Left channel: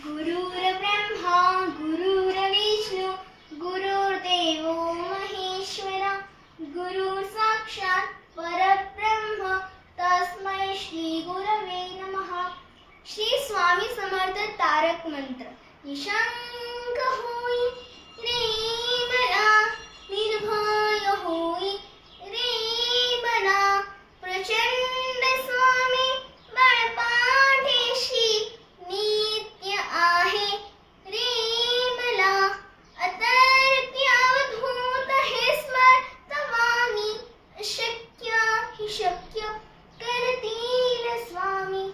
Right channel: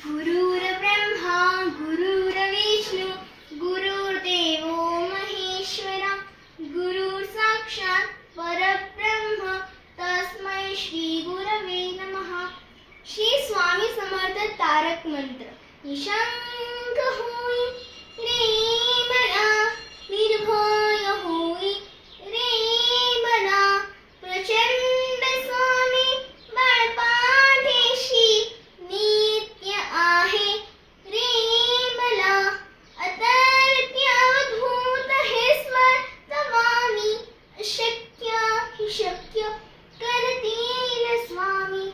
गुरुर्ब्रह्मा गुरुर्विष्णू गुरुर्देवो महेश्वरा गुरुः साक्षात् परब्रह्म तस्मै श्री गुरवे नमः। श्री स्वामी समर्थ तारक मंत्र। निशंक होई रे मना, निर्भय होई रे मना, प्रचंड स्वामी बाळपाठीशी नित्य आहे रे मला। अतर्क्य अवधूत हे स्मर्तवामी, अशक्य हि शक्य करतील स्वामी,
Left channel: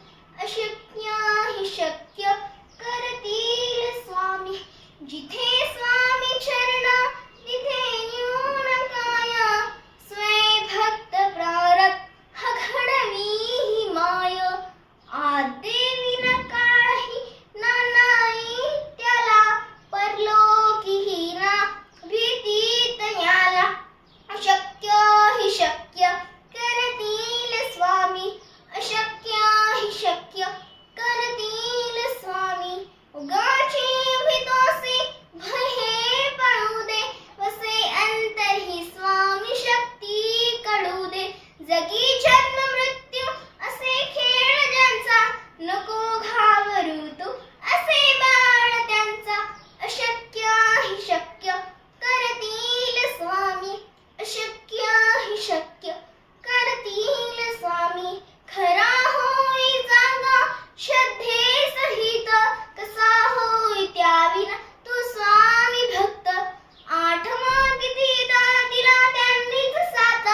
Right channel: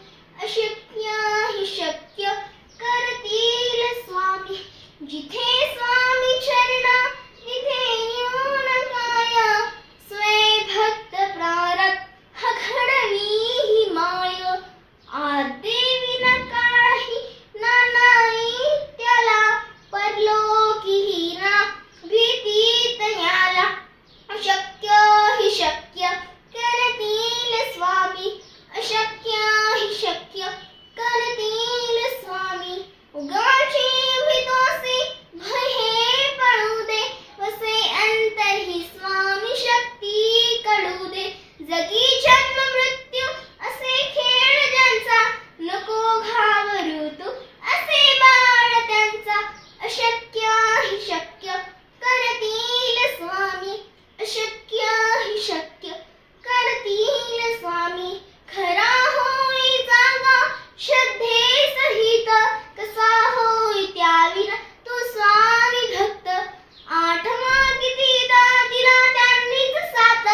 अशक्य हि शक्य करतील स्वामी। जिथे स्वामी चरण तिथे न्यून काय, स्वय भक्त प्रारब्ध घडवी ही माय। आदेवी न काळही नानाई त्याला, परलोकीही ना भीती तयाला। अशक्य हि शक्य करतील स्वामी, अशक्य हि शक्य करतील स्वामी। उगाची भीतोसी भय हे पळू दे, वसे अंतर ही स्वामी शक्ती कळू दे। जगी जन्म मृत्यू असे खेळ ज्यांचा, नको घाबरू तू असे बाळ त्यांचा। अशक्य हि शक्य करतील स्वामी, अशक्य हि शक्य करतील स्वामी। खरा होई जागा श्रद्धे सहित, कसा होई त्याविना तू स्वामी भक्त। आठवा किती दिला त्यांनीच साथ,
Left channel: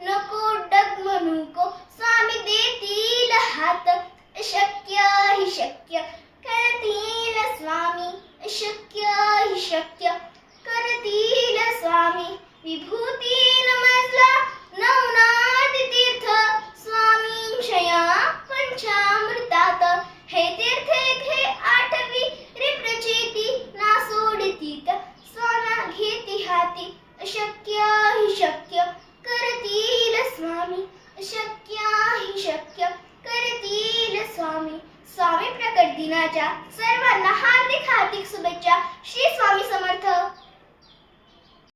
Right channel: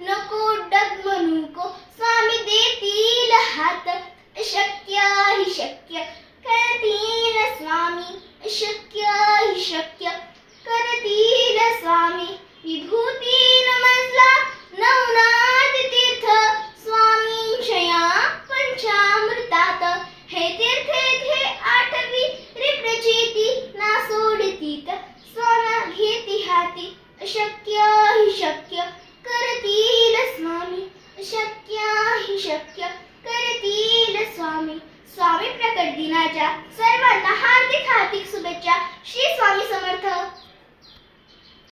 नको डगमगू स्वामी देतील हात। अशक्य हि शक्य करतील स्वामी, अशक्य हि शक्य करतील स्वामी। विभूती नमस्ला नवनाथ तीर्थ, स्वामींच्या पंचामृतात। हे तीर्थ येथे आठवी रे प्रचिती, ना सोडतीत स्वामा घेती हाती। अशक्य हि शक्य करतील स्वामी, अशक्य हि शक्य करतील स्वामी। स्वामी प्रकट दिनाच्या सर्वांना हार्दिक शुभेच्छा। श्री स्वामी समर्थ।